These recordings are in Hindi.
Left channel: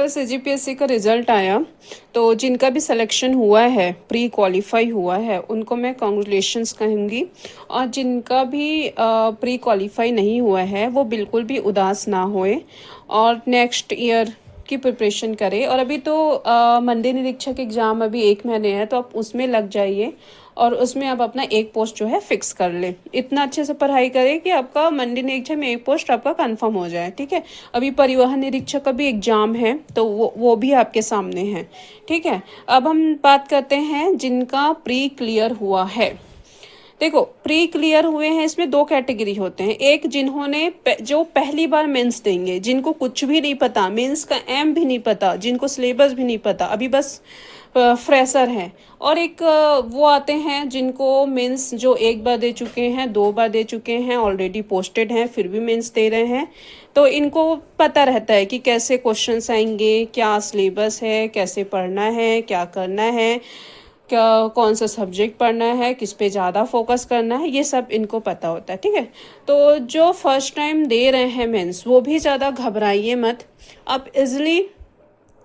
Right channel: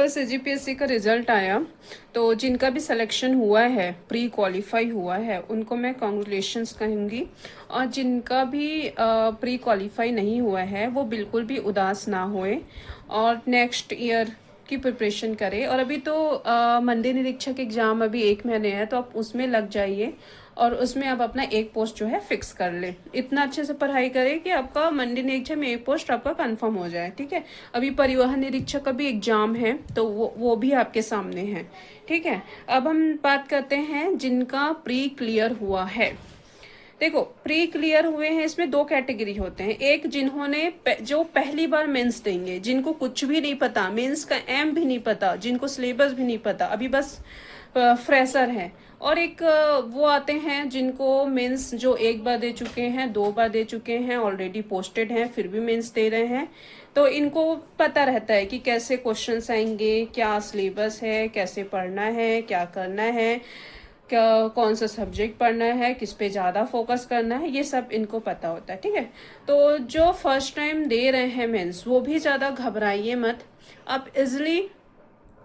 कल सीजीपीएससी का रिजल्ट आया, तो जिनका भी सिलेक्शन हुआ है, प्री क्वालिफाई हुआ है, उनको मैं कॉन्ग्रेचुलेशंस कहूँगी। और जिनका भी प्री क्वालिफाई नहीं हुआ है वो बिल्कुल भी उदास ना होए और नेक्स्ट ईयर की प्रिपरेशन करें। और अभी तो मंडी निरीक्षक एग्ज़ाम अभी 1 महीने है, तो आप उसमें लग जाइए और उसमें आप अपना एक पोस्ट जो है फिक्स कर ले। इतना अच्छे से पढ़ाई करें कि आपका मंडी निरीक्षक में एक पोस्ट आपका कंफर्म हो जाए। ठीक है, अभी परिवहन निरीक्षक का भी एग्जाम है, तो वो भी आपके सामने है। ठीक है, अब हम बात करते हैं जिनका प्री क्लियर हुआ है। देखो, प्री क्लियर हुए हैं, इसमें 2 कैटेगरी होते हैं। एक जिन्होंने जो पहली बार मेंस देंगे, जिनको कुछ भी नहीं पता, मेंस का एम भी नहीं पता, जिनको सिलेबस भी नहीं पता, अभी बस फ्रेशर हैं। और एक वो आते हैं जिनको मेंस जो 1 बार दे चुके हैं, 2 बार दे चुके हैं, ऑलरेडी पोस्टेड हैं, फिर भी मेंस दे रहे हैं। तो इनको पता रहता है कि कैसे क्वेश्चंस आएंगे, क्या सिलेबस है, कैसे पढ़ना है, क्या करना है, क्या कौन सा सब्जेक्ट पढ़ना है, किस पे ज़्यादा फोकस करना है, ये सब इनको पता होता है। ठीक है, तो जो फर्स्ट टाइम दे रहे हैं मेंस, वो भी ज़्यादा घबराइए मत। आप इजली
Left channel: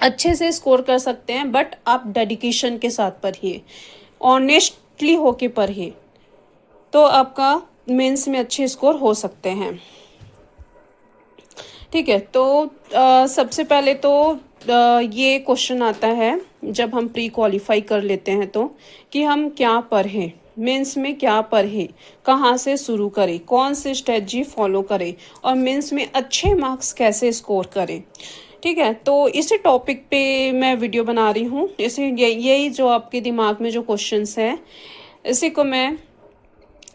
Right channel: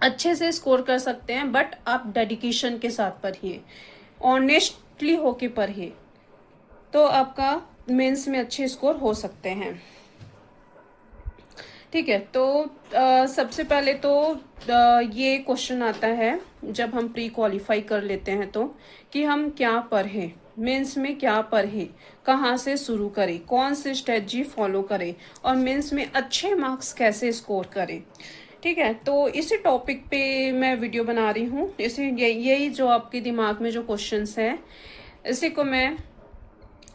अच्छे से स्कोर कर सकते हैं, बट आप डेडिकेशन के साथ पढ़िए, ऑनेस्टली होके पढ़िए, तो आपका मेंस में अच्छे स्कोर हो सकते हैं। ठीक है, तो सबसे पहले तो ये क्वेश्चन आता है जब हम प्री क्वालिफाई कर लेते हैं तो, कि हम क्या पढ़ें, मेंस में क्या पढ़ें, कहाँ से शुरू करें, कौन सी स्ट्रेटजी फॉलो करें और मेंस में अच्छे मार्क्स कैसे स्कोर करें। ठीक है, तो इसी टॉपिक पे मैं वीडियो बना रही हूँ। इसी यही जो आपके दिमाग में जो क्वेश्चंस हैं, इसी को मैं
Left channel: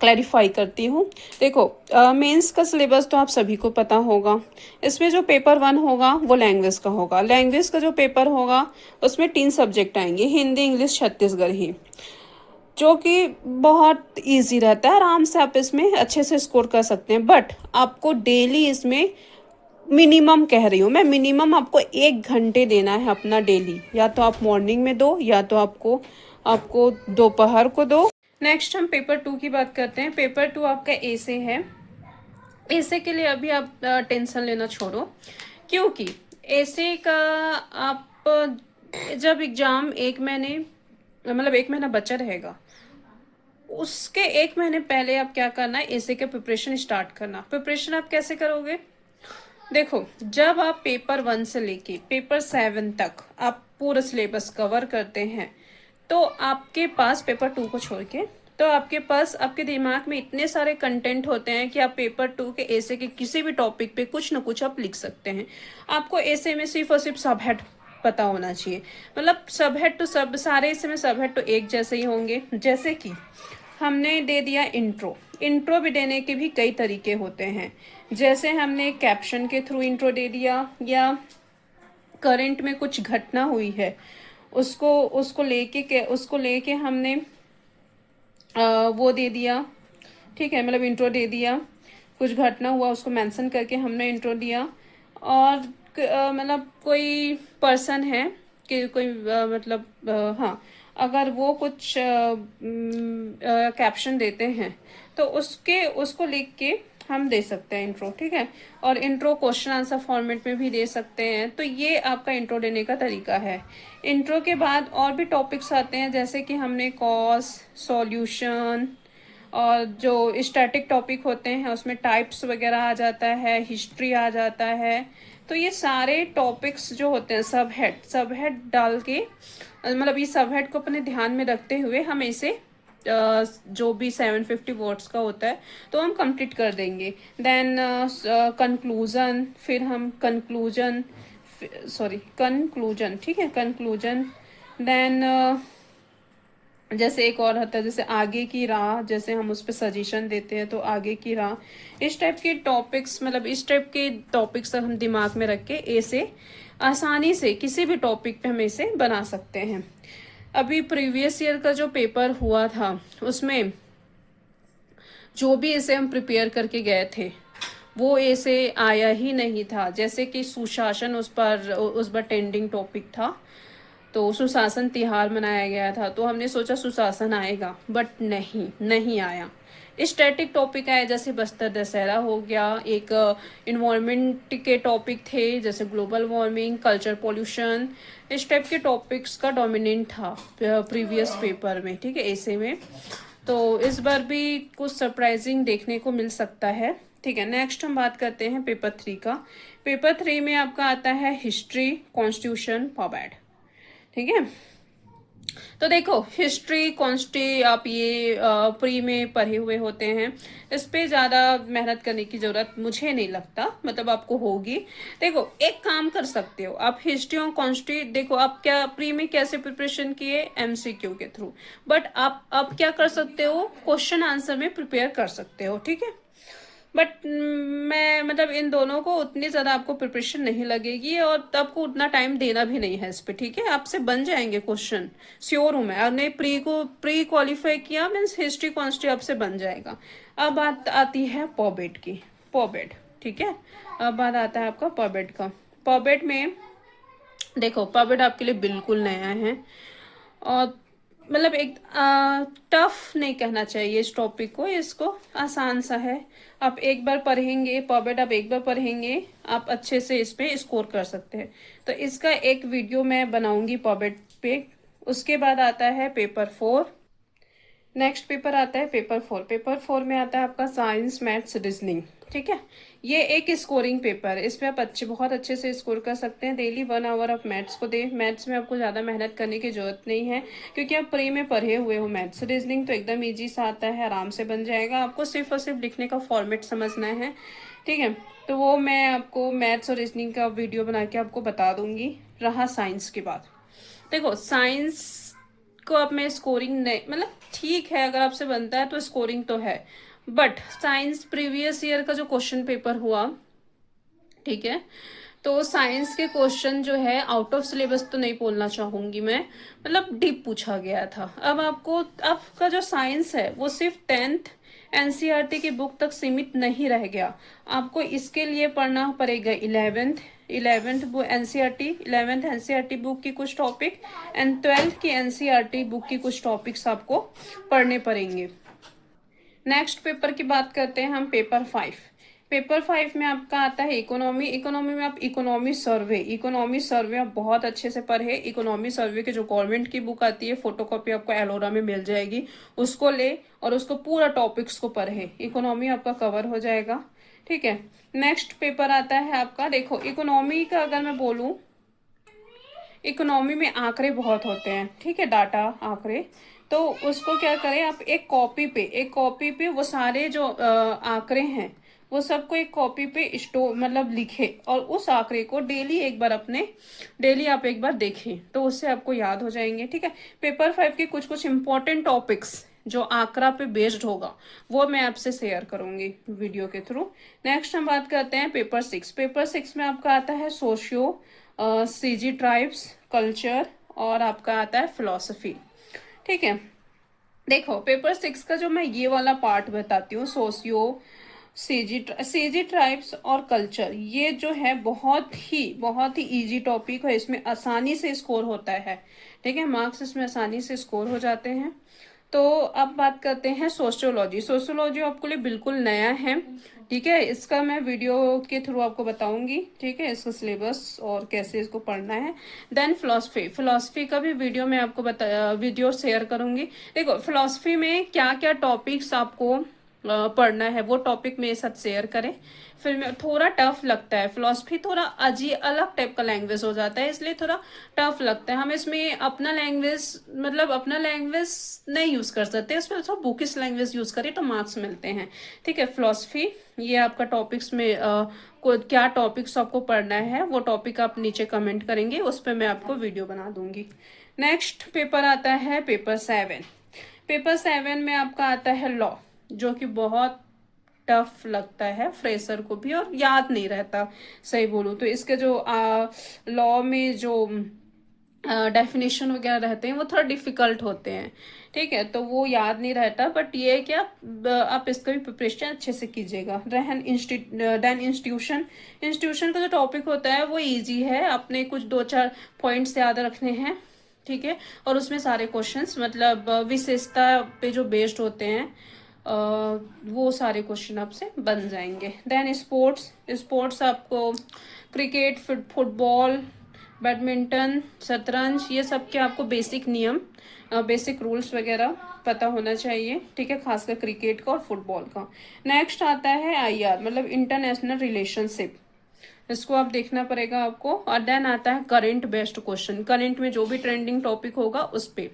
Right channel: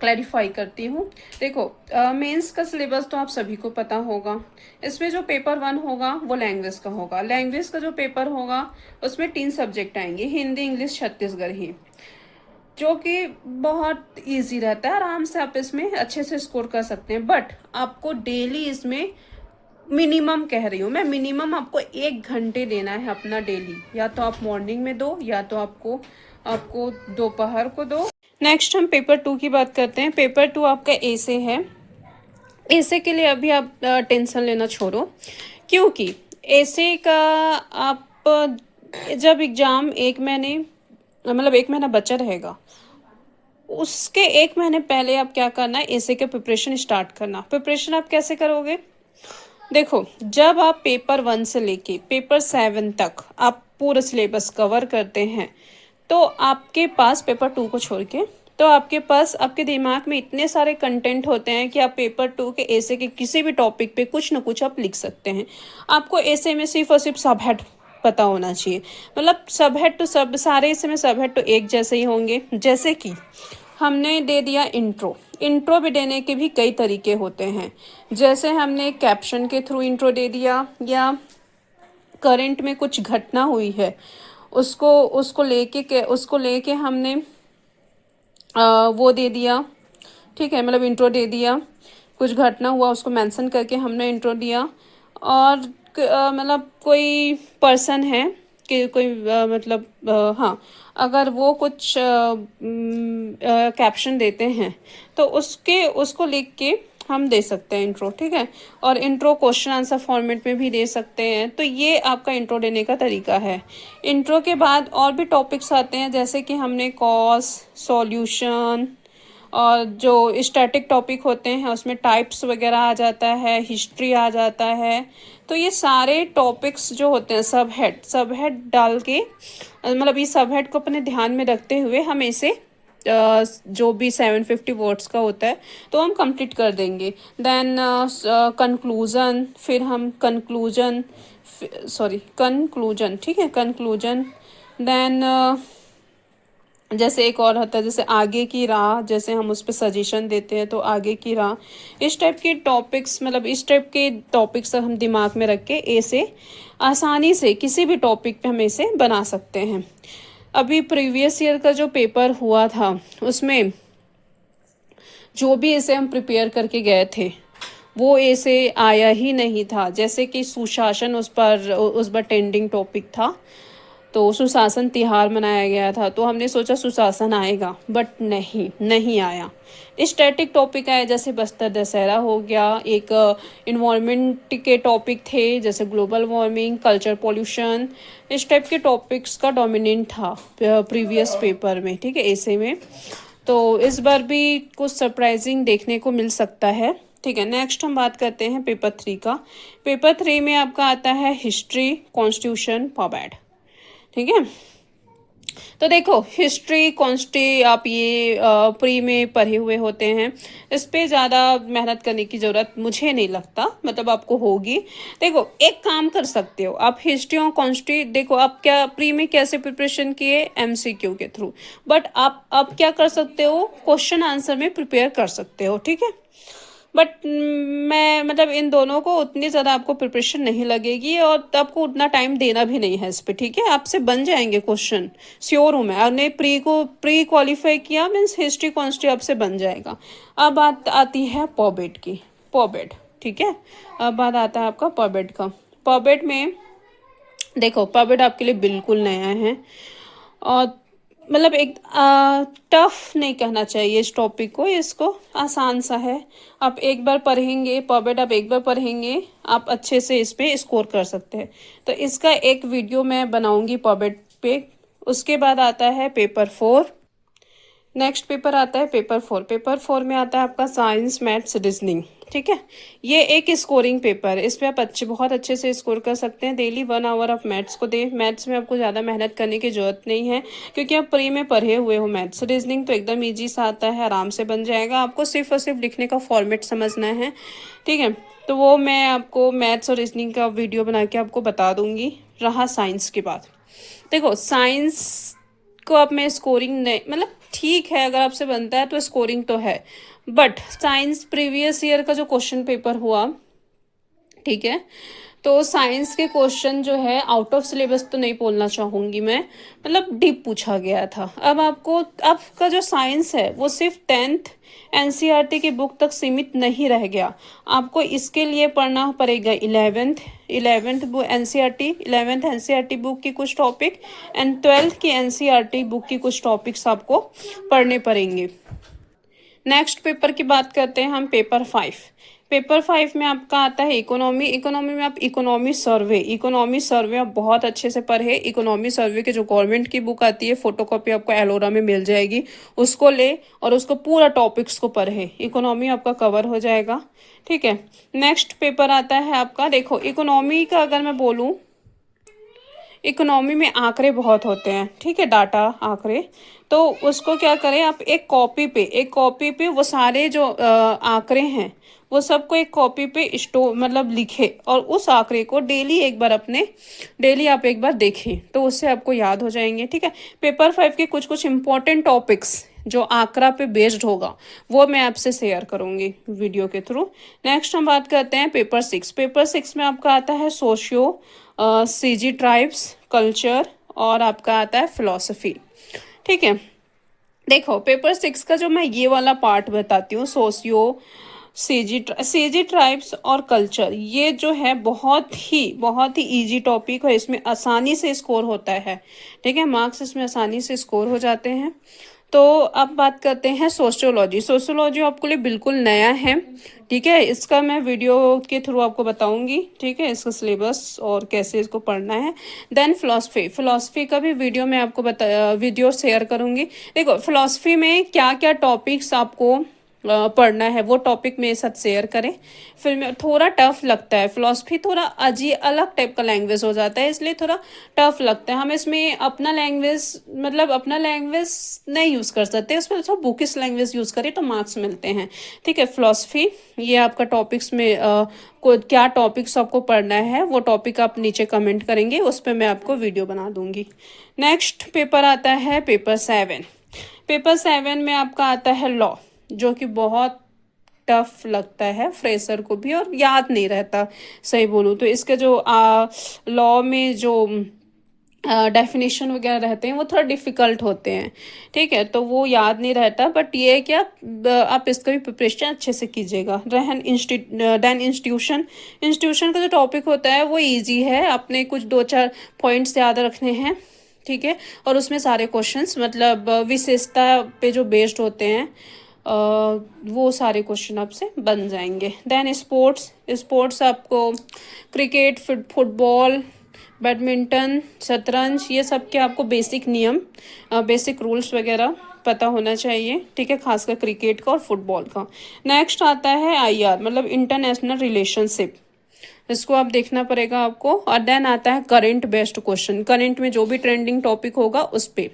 क्लैरिफाई करती हूँ। देखो, मेंस का सिलेबस तो आप सभी को पता होगा। इसमें जो पेपर 1 होगा वो लैंग्वेज का होगा। लैंग्वेज का जो पेपर होगा उसमें 3 सब्जेक्ट आएंगे, हिंदी, इंग्लिश, छत्तीसगढ़ी, जो कि बहुत इजी रहता है। आराम से आप इसमें अच्छे से स्कोर कर सकते हैं। बट आपको डेली इसमें मिनिमम, कह रही हूँ मैं, मिनिमम आपको 1 घंटे देना है अपना डेली। या तो आप मॉर्निंग में दो, या तो आपको दोपहर को दो। नेक्स्ट हम पेपर 2 की बात करते हैं। पेपर 2 आपका ऐसे है। ऐसे के लिए अभी आप टेंशन लेना छोड़ो, क्योंकि ऐसे का आप जब एग्ज़ाम 1 महीने, मतलब 1 महीना बचा रहेगा, उसके 1 महीने पहले आप क्या करना है, ऐसे के प्रिपरेशन स्टार्ट करना। प्रिपरेशन आप कैसे करोगे? देखो, जब आप पेपर 1 से लेके पेपर 7 तक आप पूरा सिलेबस कवर करते हैं, तो आपके पास पेपर 2 को छोड़ के, तो आपके पास, आपके दिमाग में इतने सारे कंटेंट होते हैं कि आप पेपर 2 के ऐसे के किसी भी टॉपिक पे कुछ ना कुछ आप लिख सकते हैं। आपको ऐसे में सिर्फ और सिर्फ सब हेड पता होना चाहिए। मतलब सब हेड तो सब, सारे ऐसे में सब हेड तो एक जैसे ही होंगे। जैसे कि हमने दे दिया इंट्रो, इंट्रो भी देने के भी कई तरीके होते हैं। जैसे हमने कैप्शन के थ्रू इंट्रो दे दिया, या करंट में कुछ घटना हुई है उसको लेके हमने वो दे दिया। ठीक है, मतलब इंट्रो दे दिया, कुछ घटना हुआ उसको मेंशन करके हमने इंट्रो दिया। और मतलब कोई पर्सन है कि कोई मतलब हाँ, अगर वो कुछ कैप्शन देते हैं तो उसको लिख के हम दे सकते हैं इंट्रो। ठीक है, और इंट्रो क्वेश्चन आंसर फॉर्मेट में भी दे सकते हैं। तो ये आपका इंट्रो देने का तरीका है। इंट्रो के बाद और भी टॉपिक्स आते हैं, जैसे कि हमने कॉज, सॉल्यूशन, और जो स्टैटिक टॉपिक होते हैं उसमें टाइप्स वगैरह आ जाता है, हिस्ट्री आ जाता है। तो ये सारे टॉपिक्स जो होते हैं, सब हेड डाल के, मतलब ये सब हेड को अपने ध्यान में रखते हुए हम इसे जो भी 750 वर्ड्स का होता है तो हम कंप्लीट कर देंगे। देन कंक्लूजन, फिर हम कंक्लूजन, ठीक है, कंक्लूजन। देन जैसे एक और होता है, जैसे आगे की राह, जैसे हम उस पर सजेशन देते हैं तो आगे की राह। इस टाइप के टॉपिक्स, मतलब इस टाइप के टॉपिक्स हम दिमाग में रख के ऐसे आसानी से किसी भी टॉपिक पे हम ऐसे बना सकते हैं। अभी प्रीवियस ईयर का जो पेपर हुआ था उसमें जो भी ऐसे हम प्रिपेयर करके गए थे वो ऐसे आया ही नहीं था। जैसे कि सुशासन उस पर ट्रेंडिंग टॉपिक था, तो सुशासन तिहार मनाया गया था, तो हमने सोचा सुशासन आएगा, बट नहीं आया। स्टैटिक टॉपिक आए जैसे बस्तर दशहरा हो गया, एक इन्वायरमेंट के टॉपिक थे जैसे ग्लोबल वार्मिंग, कल्चर पोल्यूशन, इस टाइप के टॉपिक्स का डोमिनेंट था प्रीवियस पेपर में, ठीक है, ऐसे में। तो इस बार भी कुछ सरप्राइजिंग देखने को मिल सकता है, ठीक है। नेक्स्ट हम बात करते हैं पेपर 3 का। पेपर 3 में आपका आता है हिस्ट्री, कॉन्स्टिट्यूशन, पॉबैड, ठीक है। तो देखो हिस्ट्री कॉन्स्टी आप ये प्री में पढ़े हुए होते हैं, इस पे ज़्यादा मेहनत करने की ज़रूरत मुझे नहीं लगता, मतलब आपको होगी। देखो एक काम कर सकते हो आप, हिस्ट्री और कॉन्स्टी, देखो आप क्या प्री में कैसे प्रिपरेशन किए, एमसीक्यू के थ्रू, बट आप क्या कर सकते हो, क्वेश्चन आंसर में प्रिपेयर कर सकते हो, ठीक है। बट मैं मतलब इन दोनों को उतनी ज़्यादा आपको प्रिपरेशन नहीं लगेगी और आपको उतना टाइम देना भी नहीं है इस पे, ठीक है। आपसे बन जाएंगे क्वेश्चन, श्योर हूँ मैं। आपने प्री क्वालिफाई किया मीन्स हिस्ट्री कॉन्स्ट्री आपसे बन जाएगा। अब बात आती है पॉबेट की, पॉबेट, ठीक है। अब बात आता है आपका पॉबेट का। पॉबेट में देखो पॉबेट आपके लिए बिल्कुल नया है और मतलब एक टफ नहीं कहना चाहिए इस टॉपिक को, इसको आसान सा है। आप एक बार पढ़ेंगे पॉबेट, आप एक बार पढ़ेंगे आप अच्छे से इस पे स्कोर कर सकते हैं। तो इसका एक वीडियो मैं बनाऊंगी पॉबेट पे। उसके बाद आता है पेपर 4। नेक्स्ट पेपर आता है पेपर 4। पेपर 4 में आता है आपका साइंस, मैथ्स, रीजनिंग, ठीक है। ये एक स्कोरिंग पेपर है, इस पे आप बहुत अच्छे से स्कोर कर सकते हैं। डेली 1 आवर आप मैथ्स को दें, मैथ्स में आपको ज़्यादा मेहनत करने की जरूरत नहीं है क्योंकि आप प्री में पढ़े हुए हो मैथ्स। रीजनिंग तो एकदम ईजी सा आता है, आराम से बन जाएगा, आपको सिर्फ और सिर्फ लिखने का फॉर्मेट समझना है, ठीक है। तो वो मैं आपको मैथ्स और रीजनिंग का वीडियो बना के आपको बता दूंगी। रहा साइंस की बात, देखो साइंस को अब मैं स्कोरिंग नहीं, मतलब ठीक है अगर आपसे बनता है तो स्कोरिंग तो है, बट साइंस प्रीवियस ईयर का जो क्वेश्चन पेपर हुआ, ठीक है, तो साइंस के क्वेश्चन जो है आउट ऑफ सिलेबस तो नहीं बोलना चाहूँगी मैं, मतलब डीप पूछा गया था। अब आपको आपका जो साइंस है वो सिर्फ 10th एनसीईआरटी की बुक तक सीमित नहीं रह गया, आपको इसके लिए पढ़ना पड़ेगा 11th book NCERT, 11th NCERT book की कुछ टॉपिक एंड 12th की एनसीईआरटी बुक की कुछ टॉपिक्स आपको पढ़ने पड़ेंगे। नेक्स्ट पेपर की बात करते हैं हम, पेपर 5। पेपर 5 में आपका आता है इकोनॉमी। इकोनॉमी में आप इकोनॉमी सर्वे आप बहुत अच्छे से पढ़े। इकोनॉमी सर्वे के जो गवर्नमेंट की बुक आती है, फोटोकॉपी आपको एलोरा में मिल जाएगी, उसको ले और उसको पूरा टॉपिक्स को पढ़े, इकोनॉमी आपका कवर हो जाएगा, ठीक है। नेक्स्ट पेपर आता है आपका, देखो इकोनॉमी का अगर मैं बोलूँ, इकोनॉमी में आंकड़े बहुत होते हैं, ठीक है, डाटा आंकड़े, तो उसको क्या करें आप, एक कॉपी पे वो सारे जो आंकड़े हैं वो सबको एक कॉपी पे मतलब लिखे और उस आंकड़े को डेली आप एक बार देखें तो उससे आपको याद हो जाएंगे, ठीक है। पेपर 5 के कुछ इंपॉर्टेंट टॉपिक्स जो आंकड़ा पे बेस्ड होगा वो मैं आपसे शेयर करूंगी वीडियो के थ्रू। नेक्स्ट हम बात करते हैं पेपर 6। पेपर 6 में आपका आता है सोशियो, सीजी ट्राइब्स, कल्चर और आपका आता है फिलॉसफी, ठीक है। देखो पेपर 6 का जो मैं ये वाला पार्ट बताती हूँ, सोशियो, सीजी ट्राइब्स और कल्चर, ये जो है बहुत ही इजी टॉपिक है, इसमें आसानी से स्कोर होता है, ठीक है, मार्क्स इसमें आसानी से स्कोर हो जाते हैं। तो अब बात करते हैं सोशियोलॉजी आपके लिए बिल्कुल नया है, ठीक है, इसका मैं वीडियो के थ्रू आपको बताऊंगी, ठीक है, इसका सिलेबस और कैसे इसको पढ़ना है। देन फिलॉसफी का भी वीडियो मैं आपको वीडियो शेयर करूंगी। देखो फिलॉसफी में क्या क्या टॉपिक्स आपको पढ़ना है वो टॉपिक मेरे साथ शेयर करें। फिर में थोड़ा टफ लगता है, फिलॉसफी थोड़ा अलग टाइप का लैंग्वेज हो जाता है, इसलिए थोड़ा टफ लगता है। हम इसमें अपना लैंग्वेज नहीं यूज़ कर सकते, इसमें थोड़ा बुकिश लैंग्वेज यूज़ करें तो मार्क्स मिलते हैं, ठीक है। फिलॉसफी ये आपका टॉपिक्स में क्या टॉपिक्स आपको पढ़ना है वो टॉपिक आप नीचे कमेंट करेंगे, उस पर मैं आपको वीडियो बना दूंगी। नेक्स्ट पेपर आता है पेपर 7। पेपर 7 में आपका आता है लॉ, जो कि बहुत टफ लगता है फ्रेशर को भी और याद नहीं रहता, सही बोलूँ तो। इसके जो लॉ में जो डेफिनेशन वगैरह रहते हैं वो थोड़ा डिफिकल्ट होते हैं, ठीक है, तो वो याद नहीं रहता। बट ये है कि आप इसका भी प्रिपरेशन अच्छे से कीजिएगा। देन इंस्टीट्यूशन का जो टॉपिक होता है वो इजी है, अपने कुछ 2-4 पॉइंट्स याद रखने हैं, ठीक है। और उसमें सारे क्वेश्चंस मतलब विशेषता पे जो बेस्ड होते हैं वो सारे क्वेश्चन आपसे बन जाएंगे। देन स्पोर्ट्स, स्पोर्ट्स आपको क्रिकेट, फुटबॉल, बैडमिंटन, शतरंज, ये सब के आपको बेसिक नियम, बेसिक रूल्स वगैरह पता होना चाहिए, ठीक है, खासकर क्रिकेट का और फुटबॉल का। नेक्स्ट आता है आईआर मतलब इंटरनेशनल रिलेशनशिप, इसको आप देखना पड़ेगा आपको। और देन आता है करंट बेस्ड क्वेश्चन, करंट में जो भी ट्रेंडिंग टॉपिक होगा उस पे।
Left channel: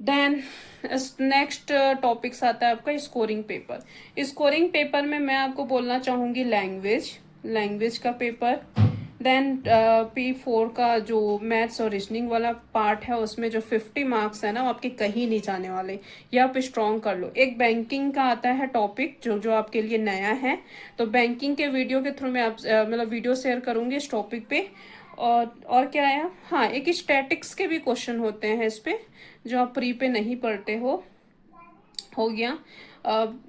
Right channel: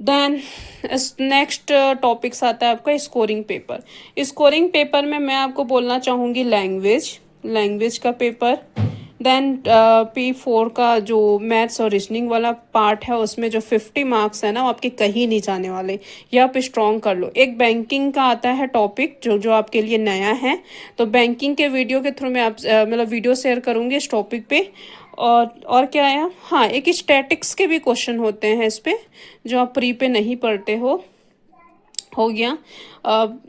देन नेक्स्ट टॉपिक्स आता है आपका स्कोरिंग पेपर। स्कोरिंग पेपर में मैं आपको बोलना चाहूँगी लैंग्वेज का पेपर। देन P4 का जो मैथ्स और रीजनिंग वाला पार्ट है उसमें जो 50 मार्क्स है ना वो आपके कहीं नहीं जाने वाले, ये आप स्ट्रॉन्ग कर लो। एक बैंकिंग का आता है टॉपिक जो आपके लिए नया है, तो बैंकिंग के वीडियो के थ्रू मैं आप मतलब वीडियो शेयर करूँगी इस टॉपिक पे। और क्या है, हाँ एक स्टैटिक्स के भी क्वेश्चन होते हैं इस पे जो आप प्री पे नहीं पढ़ते हो गया।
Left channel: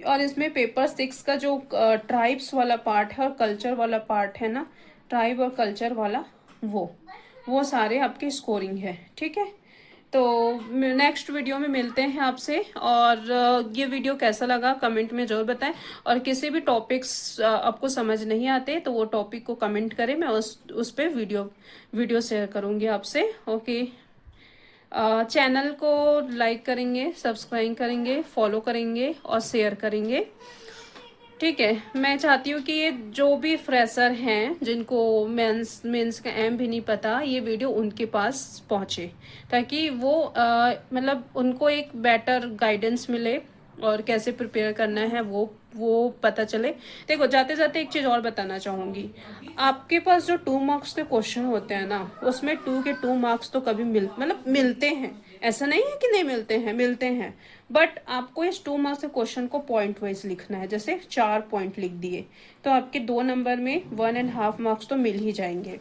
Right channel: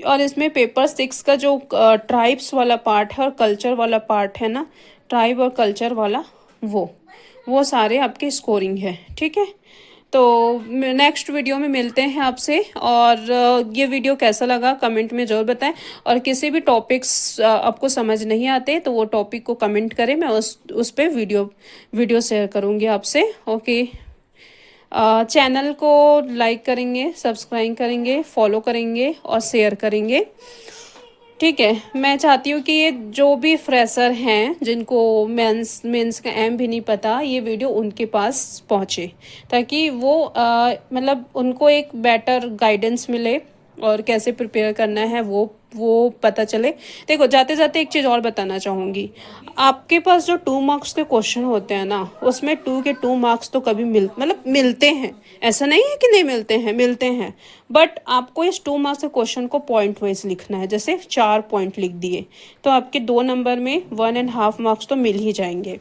और इसमें पेपर 6 का जो ट्राइब्स वाला पार्ट है और कल्चर वाला पार्ट है ना, ट्राइब और कल्चर वाला, वो सारे आपके स्कोरिंग है, ठीक है। तो नेक्स्ट वीडियो में मिलते हैं आपसे। और ये वीडियो कैसा लगा कमेंट में ज़रूर बताएं। और किसी भी टॉपिक्स आपको समझ नहीं आते तो वो टॉपिक को कमेंट करें, मैं उस पर वीडियो शेयर करूँगी आपसे। ओके, चैनल को लाइक करेंगे, सब्सक्राइब करेंगे, फॉलो करेंगे और शेयर करेंगे, ठीक है। मैं चाहती हूँ कि ये जो भी फ्रेशर हैं जिनको मेंस का एम भी नहीं पता, ये वीडियो उनके पास पहुँचे ताकि वो मतलब उनको एक बेटर गाइडेंस मिले और कैसे प्रिपेयर करना है वो पता चले। देखो जाते जाते एक चीज़ और बताना चाहूँगी, आपके पास जो 2 मार्क्स के क्वेश्चन होते हैं ना उसमें 2 के 2 मार्क्स तो कभी मिलते हैं, ऐसा नहीं है कि नहीं मिलते हैं। बट आपको इस 2 मार्क्स के क्वेश्चन को पॉइंट वाइज लिखना है, जैसे 4 पॉइंट लिख दिए तो आपके 2 नंबर में 1.5 मार्क्स तो मिल ही जाएंगे,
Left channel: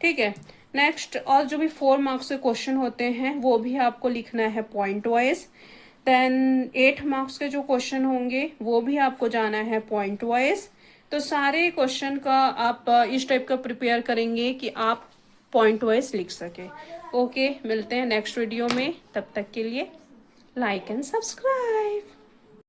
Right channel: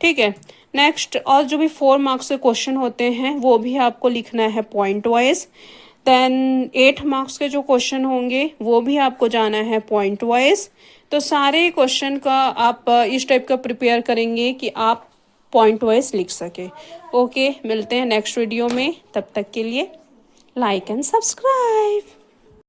ठीक है। नेक्स्ट, और जो भी 4 मार्क्स के क्वेश्चन होते हैं वो भी आपको लिखना है पॉइंट वाइज। देन 8 मार्क्स के जो क्वेश्चन होंगे वो भी आपको जाना है पॉइंट वाइज। तो सारे क्वेश्चन का आप इस टाइप का प्रिपेयर करेंगे कि आप पॉइंट वाइज लिख सके। ओके, मिलते हैं नेक्स्ट वीडियो में, तब तक के लिए लाइक एंड सब्सक्राइब।